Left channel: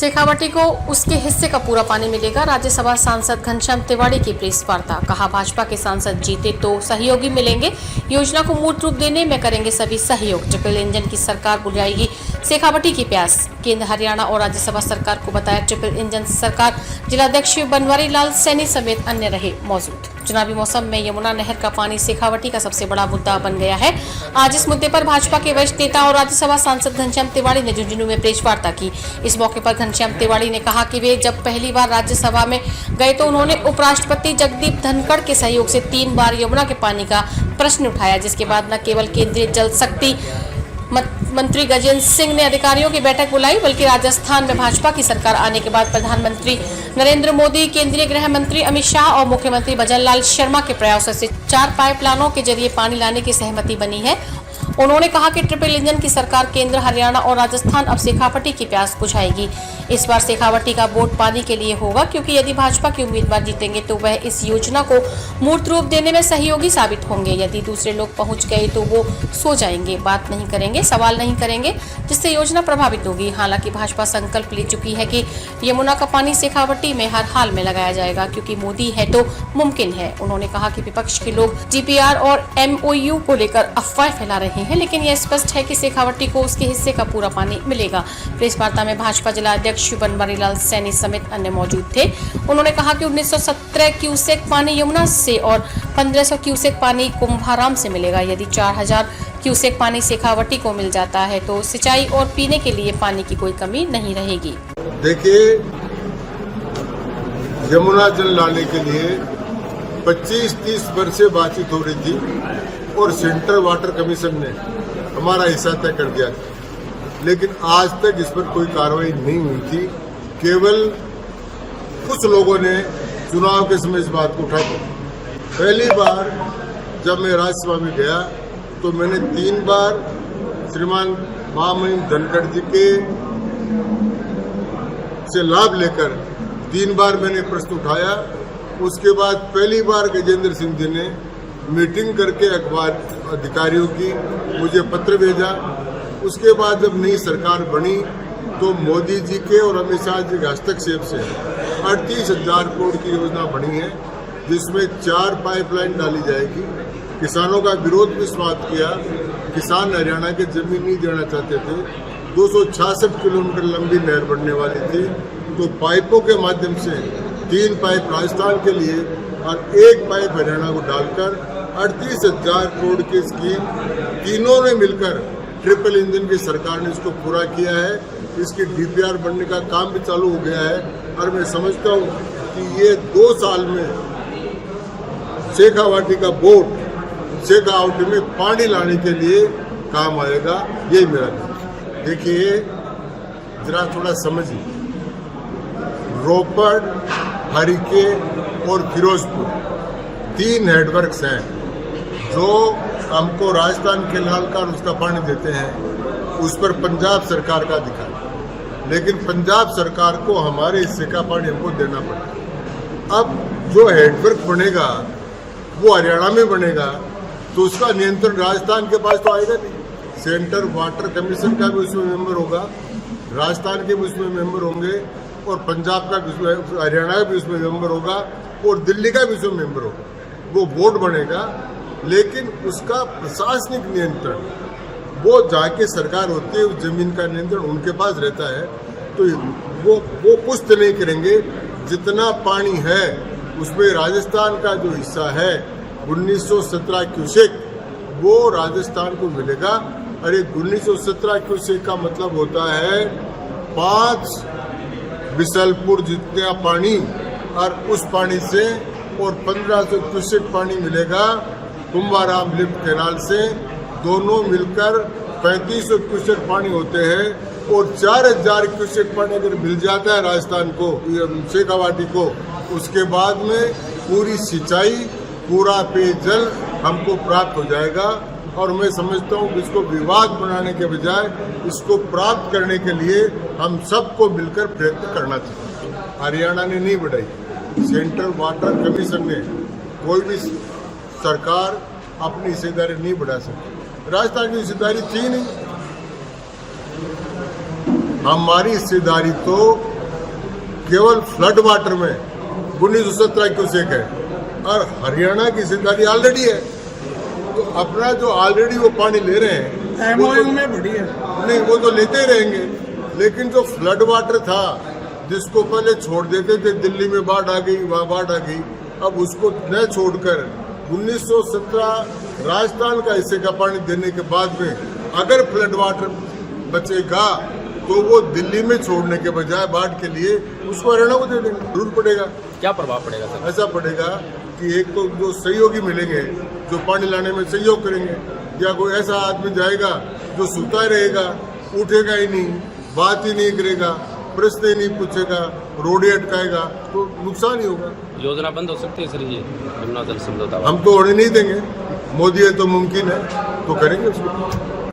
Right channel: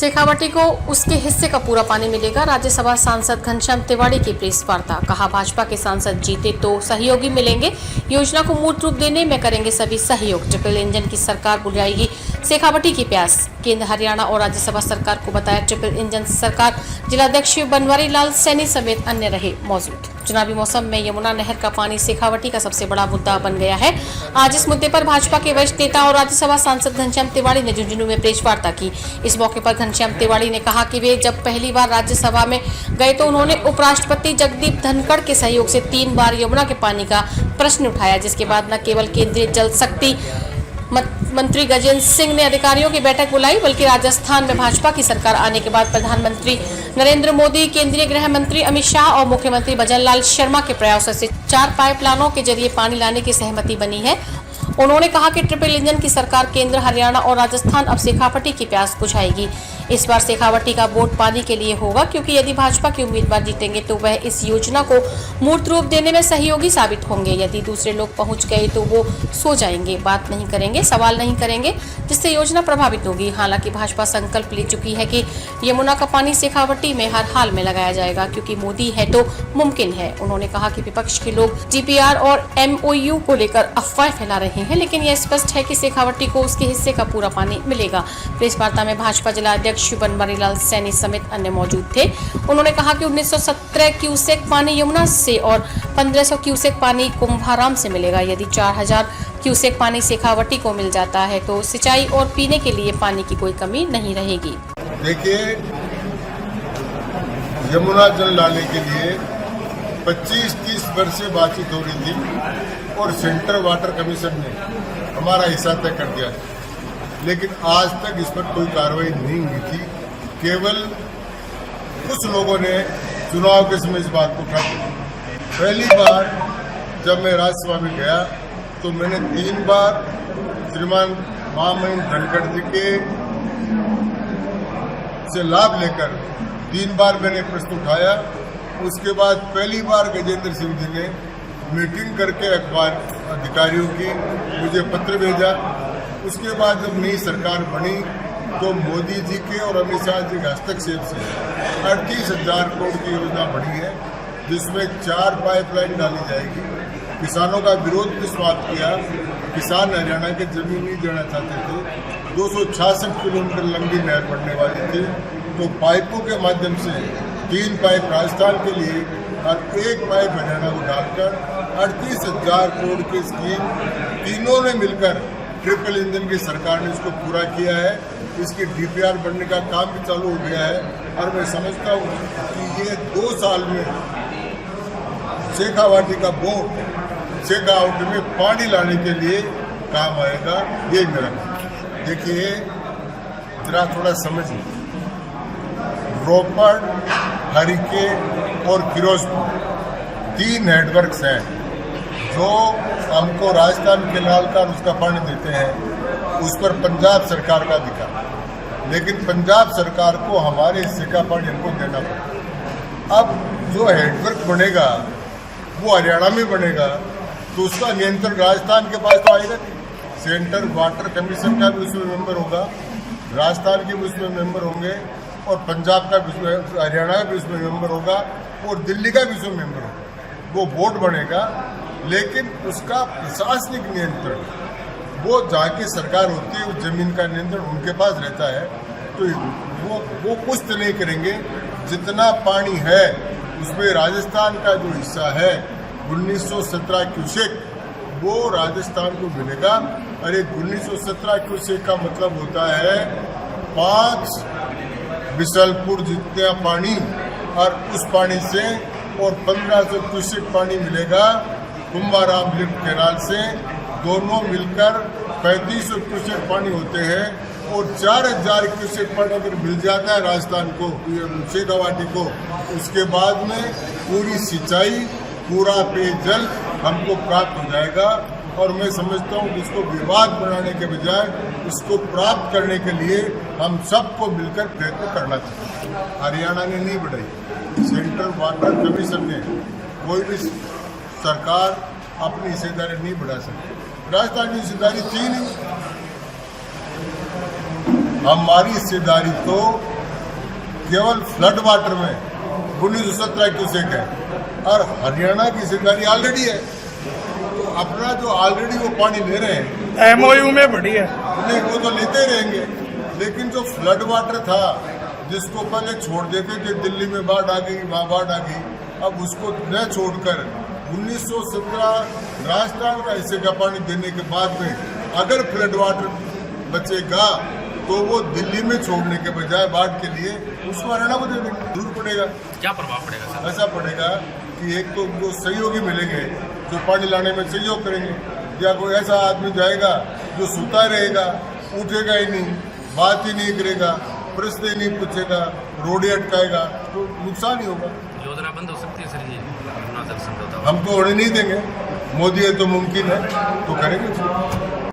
शेखावटी को उसके हिस्से का पूरा पानी मिलेगा। राज्यसभा सांसद घनश्याम तिवाड़ी की प्रेस वार्ता। कहा, भाजपा के सांसद जीते तो सहयोगी मिलेंगे, योजना को मूर्त रूप देने में करेंगे सभी सहयोग। ट्रिपल इंजन की सरकार बुझाएगी शेखावटी की प्यास। केंद्र, हरियाणा और राज्यसभा सरकार को बताया ट्रिपल इंजन सरकार। जिलाध्यक्ष बनवारी लाल सैनी समेत अन्य रहे मौजूद। चुनावी मौसम में यमुना नहर का पानी शेखावटी का सबसे बड़ा मुद्दा बन गया है। आज इस मुद्दे पर भाजपा के वरिष्ठ नेता और राज्यसभा सांसद घनश्याम तिवाड़ी ने झुंझुनू में प्रेस वार्ता की। इस मौके पर घनश्याम तिवाड़ी ने कहा कि वे जब पहली बार राज्यसभा में गए तो उन्होंने उपराष्ट्रपति जगदीप धनखड़ के सहयोग से 3 बार यमुना के पानी का प्रश्न उठाया, जिसके बाद न केवल केंद्रीय जल शक्ति मंत्री गजेंद्र सिंह ने अधिकारियों की बैठक बुलाई, बल्कि राजस्थान में भाजपा की सरकार आने के बाद प्रधानमंत्री नरेंद्र मोदी, केंद्रीय गृह मंत्री अमित शाह और मुख्यमंत्री भजन लाल शर्मा के प्रयासों से 4 पाइपलाइनों के जरिए पानी लाने की सहमति बनी है। उन्होंने कहा कि ट्रिपल इंजन की सरकार केंद्र, हरियाणा और राजस्थान अब शेखावटी की प्यास बुझाएगी। इस बार शेखावटी का वोट पानी के लिए होगा, क्योंकि यदि भाजपा के उम्मीदवार जीतेंगे तो वह इस योजना को मूर्त रूप देने में सहयोगी साबित होंगे। यदि दूसरे लोग पहुंच गए तो वो सो जाएंगे, बात नहीं करेंगे, सवाल नहीं करेंगे, जिससे योजना प्रभावित होगी। हालांकि भाजपा संकल्प ले चुकी है कि यमुना का पानी शेखावटी में हर हाल में लगाया जाएगा, क्योंकि मोदी है तो मुमकिन है। उन्होंने कहा कि विपक्ष के लोग जीपीआर और MOU को लेकर अफवाह फैला रहे हैं, लेकिन यह स्पष्ट है कि शेखावटी को उसके हिस्से का पूरा पानी मिलेगा। प्रेस वार्ता में भाजपा जिलाध्यक्ष बनवारी लाल सैनी समेत अन्य मौजूद थे। उन्होंने कहा कि 1917 क्यूसेक पानी यमुना से और 1500 क्यूसेक पानी कुंभाराम से मिलेगा। यदि 4000 क्यूसेक पानी शेखावटी को मिल जाता है तो सिंचाई और पीने के लिए पानी की कोई कमी नहीं रहेगी। देखिए, यमुना जल लाने के लिए 25-30 वर्ष से बातचीत हो रही थी और सेंट्रल वाटर कमीशन ने हमारा हिस्सा तय कर दिया, लेकिन आज तक इस पर कोई कार्रवाई नहीं हुई थी। केवल कुछ लोगों ने चुनाव के समय इस बात को उठा दिया। पहली बार जब मैं राज्यसभा में गया तो मैंने 3 बार श्रीमान महामहिम धनखड़ जी के से लाभ लेकर 3 बार मैंने प्रश्न उठाया। उसके बाद पहली बार गजेंद्र सिंह जी ने मीटिंग करके अखबार अधिकारियों की मुझे पत्र भेजा। उसके बाद जब नई सरकार बनी तो मोदी जी के और अमित शाह जी के हस्तक्षेप से 38,000 करोड़ की योजना बनी है, जिसमें 4 पाइपलाइन डाली जाएगी। किसानों का विरोध भी समाप्त किया। किसान हरियाणा के जमीन नहीं देना चाहते थे। 266 किलोमीटर लंबी नहर बनने वाली थी, तो पाइपों के माध्यम से 3 पाइप राजस्थान के लिए और 1 पाइप हरियाणा को डालकर 38,000 करोड़ की स्कीम तीनों ने मिलकर ट्रिपल इंजन की सरकार ने इसको पूरा किया है। इसकी DPR बनने का काम भी चालू हो गया है और मैं समझता हूँ कि ये 2 साल में शेखावटी का बोट शेखावटी में पानी लाने के लिए काम आएगा। यही मेरा काम। देखिए, जरा थोड़ा समझिए, रोपड़, हरिके और फिरोजपुर 3 हेडवर्क्स हैं जो हमको राजस्थान के लालकार उसका पानी देते हैं। उस पर पंजाब सरकार का अधिकार, लेकिन पंजाब सरकार को हमारे हिस्से का पानी हमको देना पड़ेगा। अब जो हेडवर्क बनेगा वो हरियाणा में बनेगा, तो उसका नियंत्रण राजस्थान के पास तो आएगा नहीं। सेंट्रल वाटर कमीशन का भी उसमें मेंबर होगा, राजस्थान के भी उसमें मेंबर होंगे और पंजाब का भी उसमें, हरियाणा का भी उसमें मेंबर होगा और दिल्ली का भी उसमें मेंबर होगा। वो बोर्ड बनेगा, लेकिन उसका प्रशासनिक नियंत्रण वो जहाँ की सरकार होती है, उस जमीन का नियंत्रण उनके पास रहता है। तो वो कुछ तो नहीं करेंगे। जितना पानी है उसमें राजस्थान का जो हिस्सा है 1917 क्यूसेक, वो राजस्थान को मिलेगा। अरे 1917 क्यूसेक का मतलब होता है 5 बिसलपुर जितना पानी, और उस पानी से और 1500 क्यूसेक पानी मिलेगा कुंभाराम लिफ्ट कैनाल से। दोनों मिलकर 3500 क्यूसेक पानी होते हैं। और 4000 क्यूसेक पानी अगर मिल जाता है राजस्थान को, शेखावटी को, उसके बाद में पूरी सिंचाई, पूरा पेयजल हमको प्राप्त हो जाएगा। और मैं समझता हूँ कि इसको विवाद बनाने के बजाय इसको प्राप्त करने के लिए हम सबको मिलकर प्रयत्न करना चाहिए। हरियाणा ने नहीं बढ़ाई, सेंट्रल वाटर कमीशन ने, कोई भी सरकार अपनी हिस्सेदारी नहीं बढ़ा सकती। राजस्थान की हिस्सेदारी थी नहीं। हमारी हिस्सेदारी तो केवल फ्लड वाटर में 1917 क्यूसेक है और हरियाणा की हिस्सेदारी ऑलरेडी है। तो अपना जो ऑलरेडी वो पानी ले रहे हैं MOU में बढ़ी है। नहीं, वो तो लेते ही रहेंगे, लेकिन जो फ्लड वाटर था जिसको पहले छोड़ देते थे, दिल्ली में बाढ़ आ गई, वहाँ बाढ़ आ गई, अब उसको न छोड़कर 1917 राजस्थान का हिस्से का पानी देने के बाद में अगर फ्लड वाटर बचेगा तो वो दिल्ली में छोड़ने के बजाय बाढ़ के लिए उसको हरियाणा को दे देंगे। जरूर पड़ेगा। क्या प्रभाव पड़ेगा सर? ऐसा पड़ेगा कि एक तो जो सहयोगी मिलेंगे जो पानी लाने में सहयोग करेंगे, या कोई ऐसा आदमी जाएगा जो सूता रहेगा, उठेगा ही नहीं, बात ही नहीं करेगा, प्रश्न ही नहीं पूछेगा, रोड ही अटकाएगा, तो नुकसान ही होगा। योजना बंद हो सकती है सर ये यमुना जल समझौता? हम तो होने नहीं देंगे। मोदी है तो मुमकिन है, तो करेंगे उसको।